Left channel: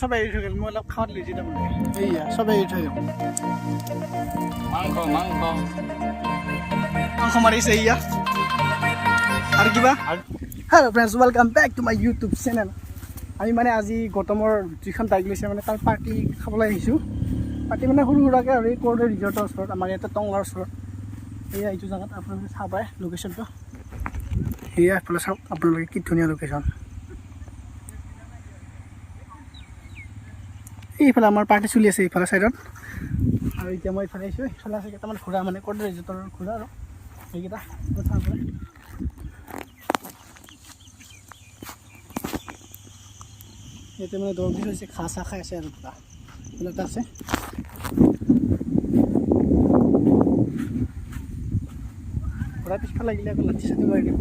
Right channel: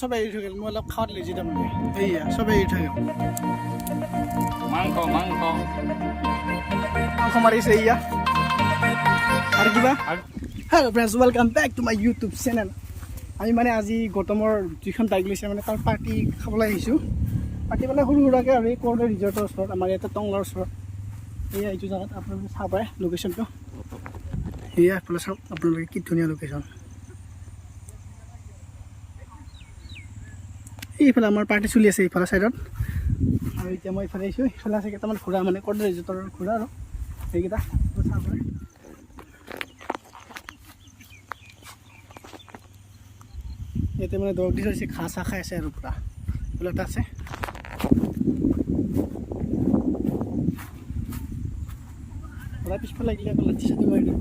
সবে এৰি থৈ গ'ল মই অলপ খাওঁত লৈছোঁ তাৰমানে এইয়া সবে এৰি থৈ গ'ল মাংস মাৰিছে এইয়া আৰু কিবা hello' friends welcome back to my YouTube channel আমি মানে আজি গৌতমৰ যিখন বাইক লৈছে মানে তাৰ পাৰ্টি খাবলৈ আহিছোঁ পাৰ্টি মানে সৰু সুৰাকৈ আৰু এই ক'ৰ্ডে ৰিজৰ্টৰ ওচৰত আমাৰ ইয়াতে টংলাৰ ওচৰত এয়া এইটো জেগাত আপোনালোকে চাব পাৰে লোকেশ্যনটো এয়া এইফালে চাওক আপোনালোকে কি ধুনীয়া লোকেশ্যন এইফালে আমাৰ পাৰ্টি চলি আছে এইফালে ছাইডত আৰু এতিয়া মই এইফালে আহিছোঁ এইফালে আছে কেইটামান ঘোঁৰা মানে ক'ৰ্ডে ৰিজৰ্টৰ ঘোঁৰা আৰু এইকেইটা ইয়াতে মানে দৰৱ দি থৈছে ঘাঁহ চাহ খাই আছে আৰু পুৰা ফুল এটা আছে ঘোঁৰা পিছফালে লাগিলে আকৌ লাঠি চাঠি মাৰি দিব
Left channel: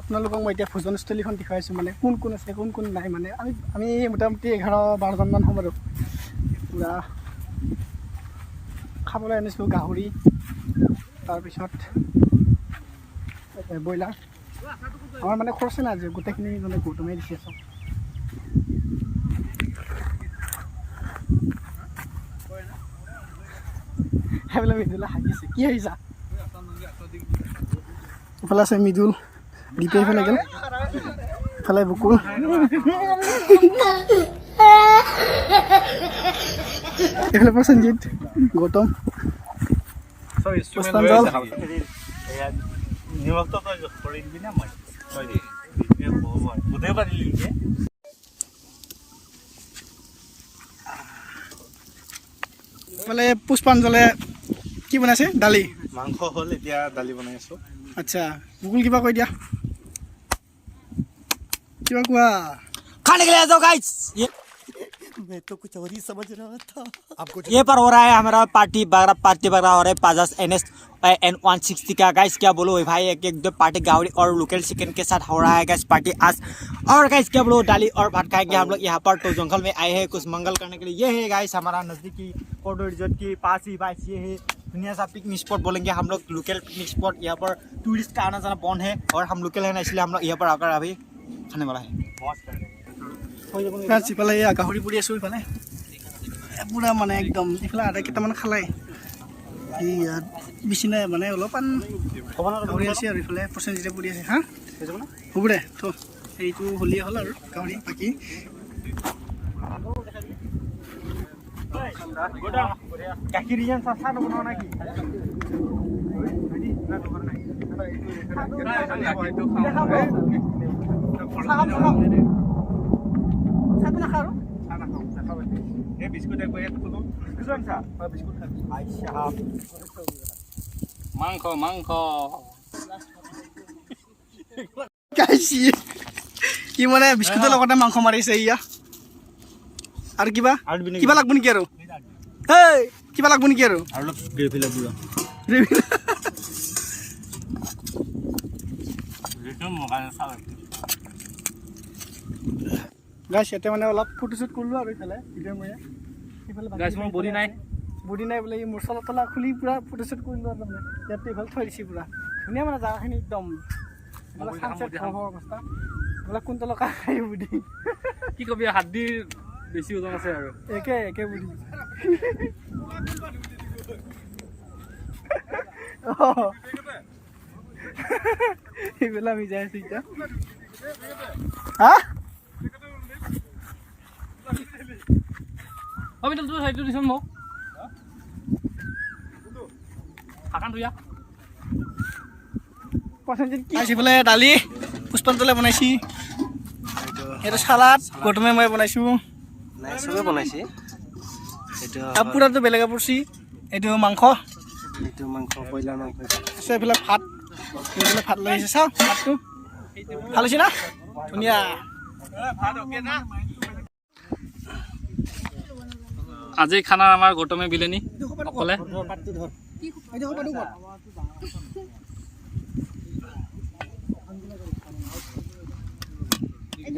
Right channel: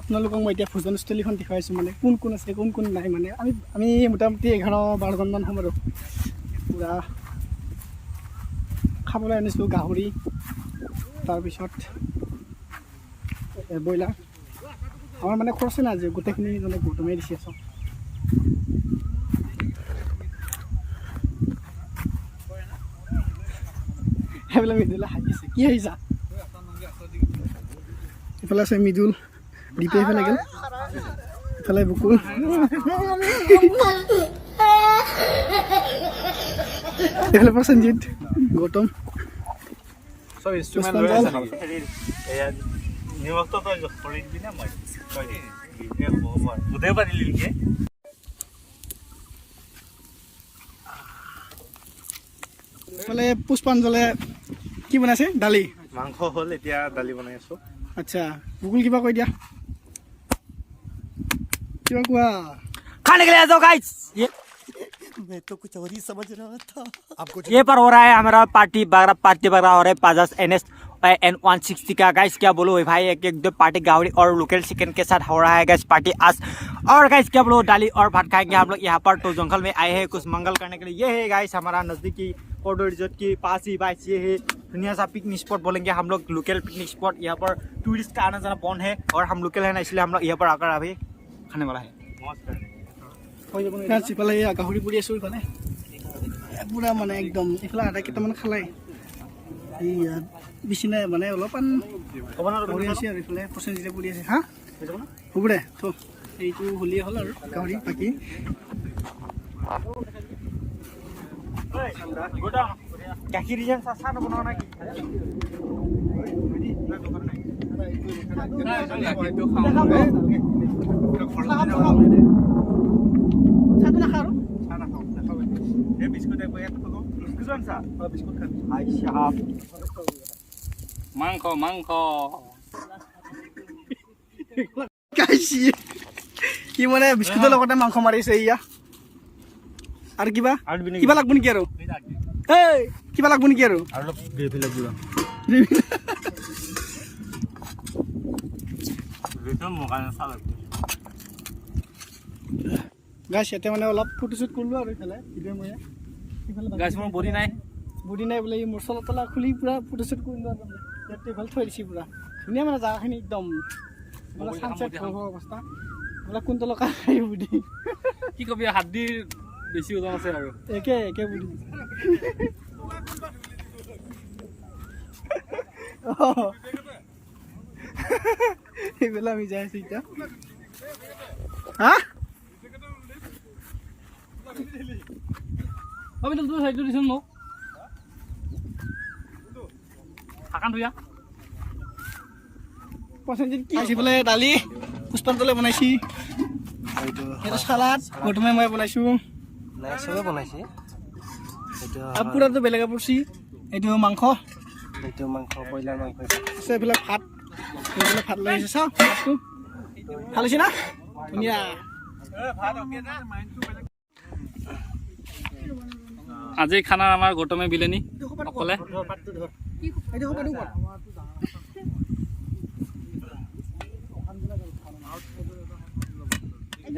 আপোনালোকক মই এতিয়া ভোজনস্থলীখন দেখুৱাইছোঁ মানে কোন কোন আছে কোন কোন নাই মানে আমি মোটামুটি 11-12জনমান হ'ম আৰু পুৰা খাবলৈ আনিছোঁ গাহৰি তাৰপিছত ব্ৰইলাৰ আমাৰ মানে খৰচে নাই আজি গোটেইখিনি মানে গৌতমে দিছে চব সেইবিলাক মিদুলে হাঁহিছে কি হাঁহিছা এইফালে আছে মিদুল দীপে এইফালে গ'ল এইফালে বুকুল এইফালে প্ৰসেনজিৎ গৌতম এইফালে পুষ্পাঞ্জলে কি বনাইছে দালি মাংস হ'ল এতিয়া দালি বনাই আছো আচ্ছা বুকুল কিবা কৈ দিয়া किया हुआ खाने के लिए आ जाओ गाइस मैं तो कुछ और ही समझ रहा था आपको ये पर हो रहा है हमारा पार्टी वगैरह हो रहा है 50 NS N160 का गाइस क्या बोलो भाई एक दो पार्टी गावड़ी और लोकल चिकन के साथ हो रहा है गाइस पार्टी आज और गाइस क्या बोलो दाली और भात खाएंगे हम लोग यहाँ पर तो जंगल में आए हैं कुछ मंगल करने के लिए ये है गाइस हमारा नज़दीकी कोडो रिजॉर्ट के पास ही गाइस ये है दुनिया सा पिकनिक स्पॉट बोलेंगे हम लोग लोकल पिकनिक स्पॉट यहाँ पर टूरिस्ट का आना जाना बंद है और हम लोकल है ना इसलिए हम लोग यहाँ पर आकर अभी खाने वाला है ইফালে গাহৰি পুৰি আছোঁ ইফালে পুৰা মানে একদম ইফালে আধা কেইটামান খালাই এই বেছি নাই মানে অলপমান গাহৰি আছে আৰু ইফালে প্ৰসেনজিতে পুৰি আছে হা হ'ব দে থ এইটো হ'লেই হ'ল আৰু গাহৰি বাকী गाखिर चाह बना ना মাংস কি মানে বিস্কুটৰ লগতে মাংস মাৰিছে ইয়া আৰু কিবা লাগব নেকি আৰু এই কিবা লাগব নেকি আৰু ग्रेवी लग पूरा গাইছ ইয়াতে মানে অলপ ফটোশ্বুট কৰিলোঁ আৰু ইফালে ভিডিঅ' মই গাইছ মোৰ বডি নাই বোলে এই মছলা তলা খুলি পুৰা ফটোশ্বুট কৰিলোঁ আৰু তাৰমানে ইয়াতে এইফালে থৈ দিছোঁ পুৰা ধুনীয়া মানে জেগাখিনি একদম চানছেট অৱস্থা বোলে কোনটো লগা বুদ্ধি কি কবি হাদ্দিৰ বেছি ওজন আছে আৰু একে বুদ্ধি এইফালে আমি যাই আছোঁ এতিয়া হা এইফালে দালি পুষ্পাঞ্জলে বনাইছি এইটো চালাড গৌতমে মই বনাইছোঁ চবে বনাইছে পুৰাটো বেলেগে পৰিছি এইটো মাংস ব্ৰইলাৰ মাংস আছে এইফালে ভাত লৈ আহিছে চাওঁ ভাতটো ভাল হৈছে না ধুনীয়া আজি খানা আমাৰ গৌতমে বিলেনি অকলে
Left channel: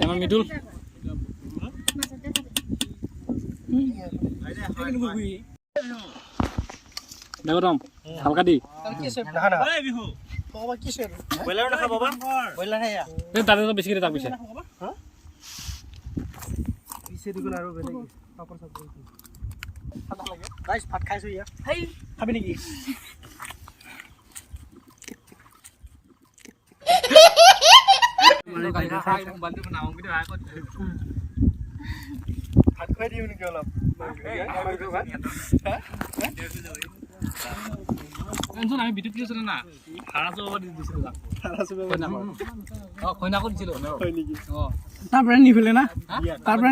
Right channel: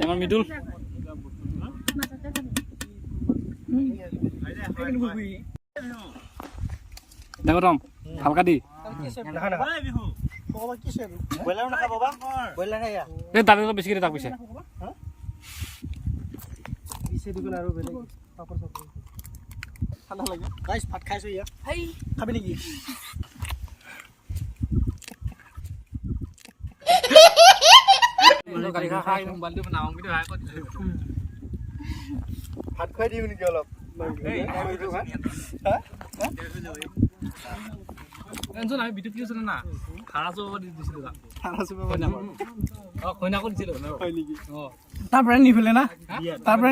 আমাৰ মিদুল দে গৌতম ভালকা দি এই দাদাটো বেছিকৈ দে তাক পিছে গাইছ ভাত খাইছো ইয়া খাবি নেকি ভাত খুৱাই দিওঁ নেকি অলপ আমি বিদ্যুৎ দিছিলো না ভাড়া চব দিছিলো কইনাকো দিছিলো তাৰ পৰা নিফেলে না তাৰ পৰা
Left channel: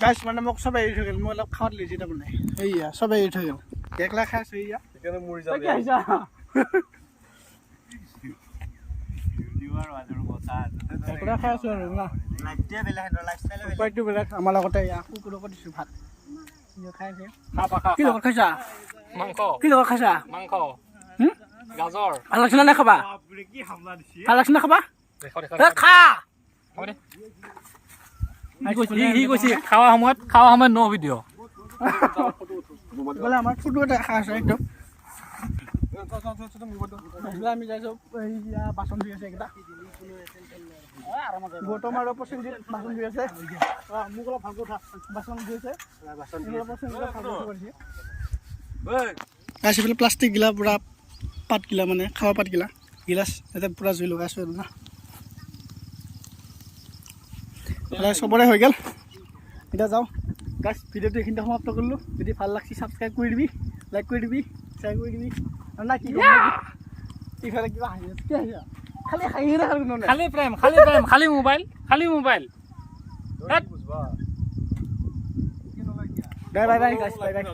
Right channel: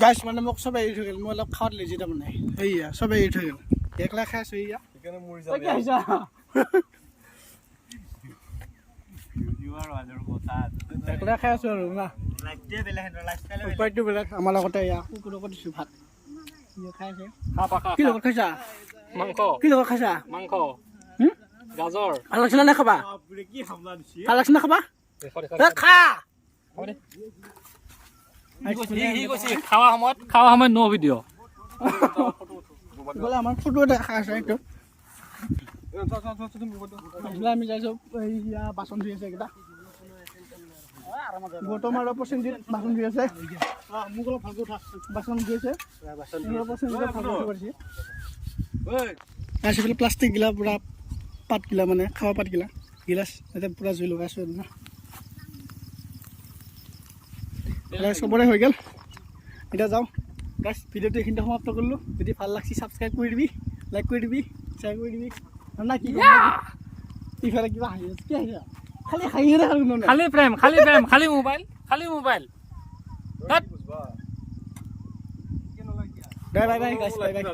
গাইছ মানে মোক চবে এৰি থৈ গ'ল মই অলপ খাৱাত লৈছোঁ তাৰমানে এইয়া চবে এৰি থৈ গ'ল একলা খাই আছো এয়া একলা খাই আছো আৰু না উপায়টো বেলেগ আমাৰ লগতে এয়া কুকুৰ লগত দিছোঁ ভাত খাই আছে কি লগত খাইছা মাংস কি লগত খাইছা মাংস গাজৰ ভাল লাগছে নে খাবা ভাল লাগছে নে খাবা খা সি কৈছে খাৱা সময়ত ন ভিডিঅ' বোলে আমাৰ ফটো এটা খাই আছে একদম আমি যাইছোঁ এইয়া বাচন ধুই আছে এইকেইটা গৌতম আৰু প্ৰসেনজিৎ বাচন ধুই আছে মোক অলপ ভালকৈ উঠা বাচন ধুই আছে এইফালে প্লাষ্টিক গিলা পূৰা পাতগিলা মানে খাৱা পাতগিলা গিলাচ ইয়াতে পূৰা জুই লগাইছোঁ আৰু না চবৰে হৈ গ'ল এতিয়া যাওঁ গাইছ ভিডিঅ'টো এইখিনিতে সমাপ্ত কৰিলোঁ যদি ভাল লাগছি ছাবস্ক্ৰাইব কৰি দিবি লাইক কৰি দিবি শ্বেয়াৰ কৰি দিবি আৰু না কি ইফালে কিবা হাঁহি কি হাঁহিছা খালি হাঁহিয়ে দেখা কোনো নাই খালি প্ৰেম খালি মোবাইল বাই বাই বাই গাইছ বাই বাই